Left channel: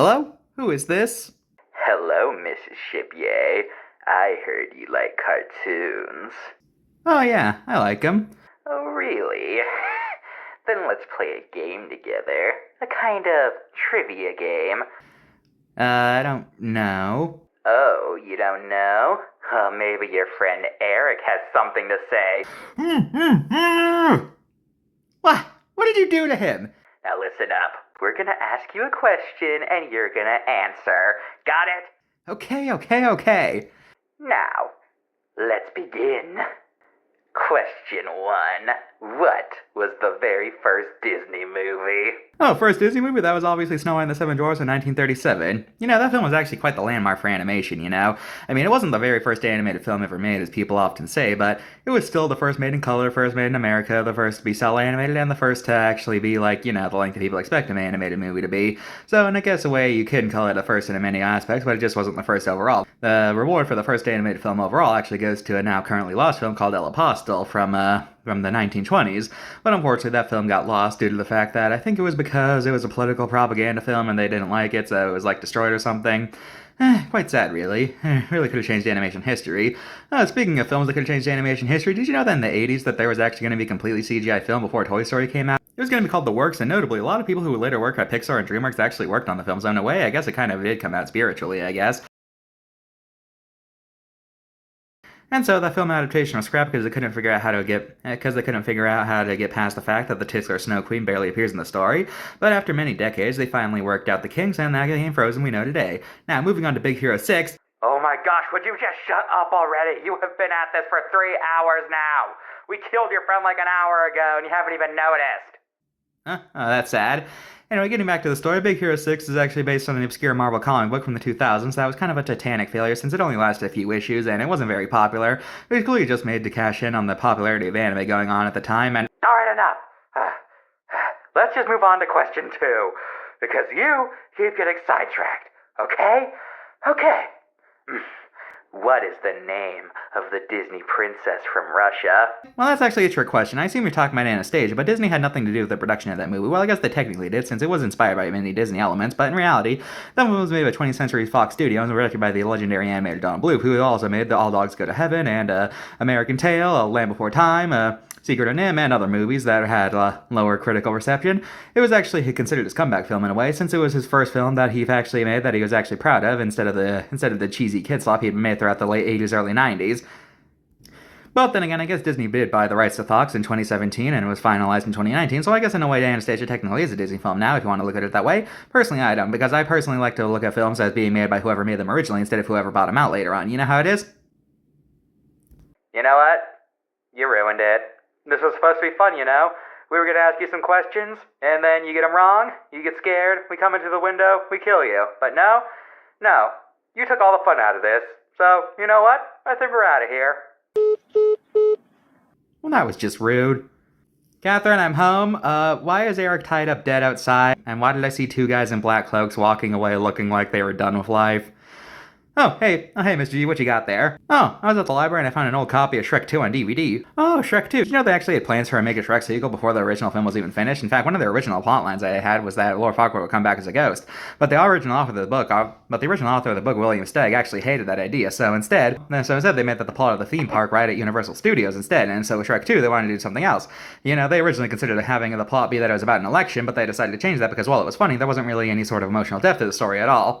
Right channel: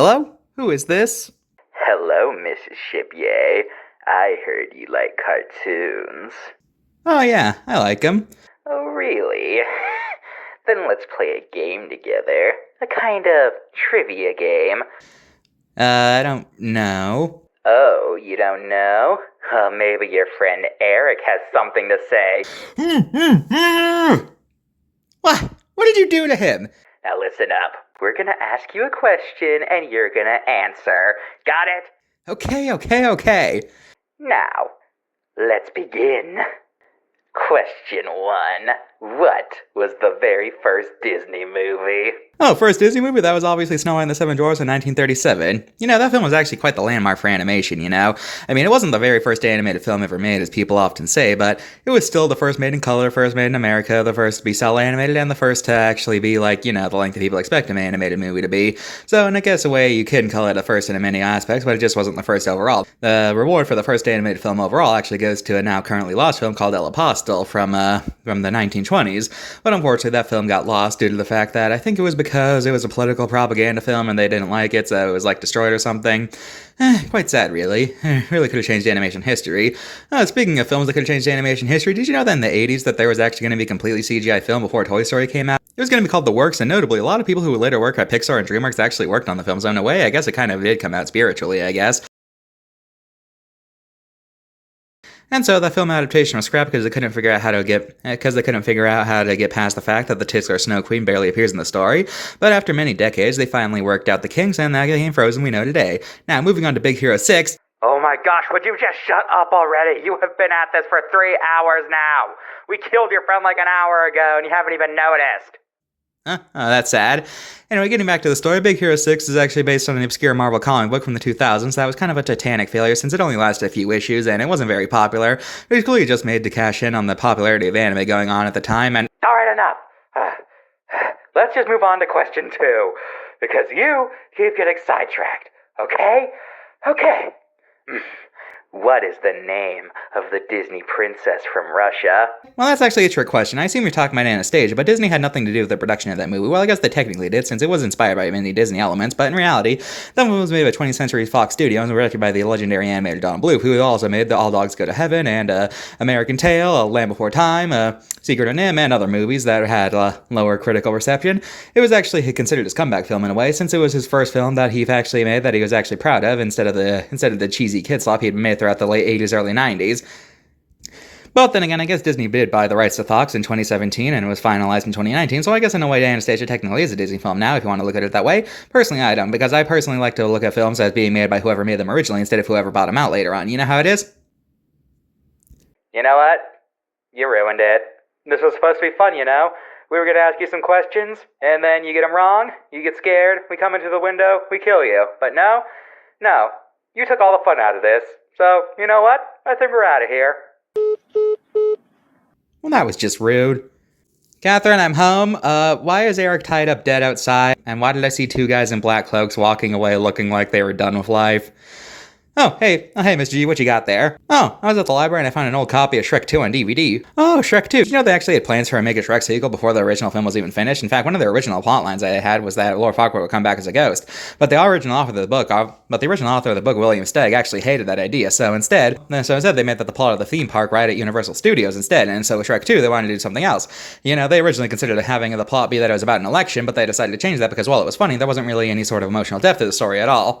Hello? Who is this? Hello, Mrs. Shipyay. I heard you like cartoons. Oh, yeah, I like him. Oh, really? Then let's play a game together. A kind of trivia game. I don't know. Oh, you don't know? Maybe your friend Eric has something to say. What? What did you do to him? Now listen up. We're gonna ask you a question and you're gonna answer. Got it? Okay. Now, let's begin. Question 1. What was the very first Disney movie? Oh, first Disney movie? That was obviously Snow White and the Seven Dwarfs in 1937. That film was actually quite the landmark for animation. I mean, it wasn't the very first animated film ever made, as people often say, but it was still the first made in color, first made in America, the first to be cel animated, and the first to actually be the length that people expect an animated movie to be. So, in I guess a way, you can call it the first in many aspects, but it just wasn't the first overall. The reward for the first animated film overall actually goes to a now currently lost film called El Apostle from the 1920s, but unfortunately that film got lost due to the fact that I think it was because it was a political propaganda film and they didn't like it, so it was destroyed or something. Quite sad, really. Really could have changed animation history. Speaking of films that could have changed animation history, did you know that in the 80s that there was actually going to be a completely CGI film before Toy Story came out? It was going to be called The Works, and notably, a lot of people who would later work at Pixar and DreamWorks actually worked on the film, so in a way, I guess it kind of did come out spiritually, I guess. And so that film adaptation was scrapped because they couldn't figure out how to get past the fact that the titular Snow Queen barely appears in the story. But after many decades, they finally worked out the kinks, and that became Frozen we know today. Now, moving on to Big Hero 6. Oh my gosh, would you just shut up already? You have been at this for 3 hours now. We killed your friend like an hour ago and you haven't even noticed. Oh, that's sad. Anyway, getting back to the story, Big Hero 6 is actually based on an obscure Marvel comic book from the 2000s that was kind of a titanic failure since it only lasted a few issues and it wasn't very popular. It was clearly just made to cash in on the popularity of anime going on at the time, and Alright, enough. Let's just move on to question 2, because you keep getting sidetracked, okay? Okay. What is the name of the Disney princess from Russia? well, that's actually a trick question. I assume you're talking about Anastasia, but Disney had nothing to do with the production of that movie. Well, I guess they technically did, since it was inspired by many Disney elements, but in reality, that movie was made by 20th Century Fox Studios and directed by the legendary animator Don Bluth, who also made the All Dogs Go to Heaven and American Tail, Land Before Time, Secret of Nim, and other movies that had lower critical reception. It was actually considered his comeback film in a way, since it was his first film that he actually made that he was actually proud of instead of the cheesy kid slop he had made throughout the late 80s, early 90s. But then again, I guess Disney did buy the rights to Fox in 2017 and it was finalized in 2019, so I guess in a way Anastasia technically is a Disney film now if you want to look at it that way. Personally, I don't, because I personally like to look at films as being made by whoever made them originally instead of whoever bought them out later on. You know how it is? You know what? You ruined it. This was supposed to be fun, you know? We were gonna ask you some questions, and then you get them wrong, you get scared, we come into the window, we kill you. But no, you took all the fun out of this. So, you know what? I think we're out of here. Well, that was just rude. Catherine, I'm home. Why is Eric tied up dead outside? And why did I see two guys in black cloaks walking away looking like they were done with life? Oh, hey, Mr.G, what you got there? Oh, I was at the library and I found an old copy of Shrek 2 on DVD. Oh, Shrek 2. Did you know they actually had plans for a Make a Shrek sequel before the original film was even finished? In fact, one of the original plot lines they had was that Lord Farquaad would come back as a ghost. But the original author of the book, William Stegg, actually hated that idea. So instead, they made that the plot of the theme park right at Universal Studios instead. And so with Shrek 2, they wanted to do something else. They originally considered having the plot be that it was about an election, but they decided to change that because while it was funny, there wasn't really any sort of emotional depth to the story at all.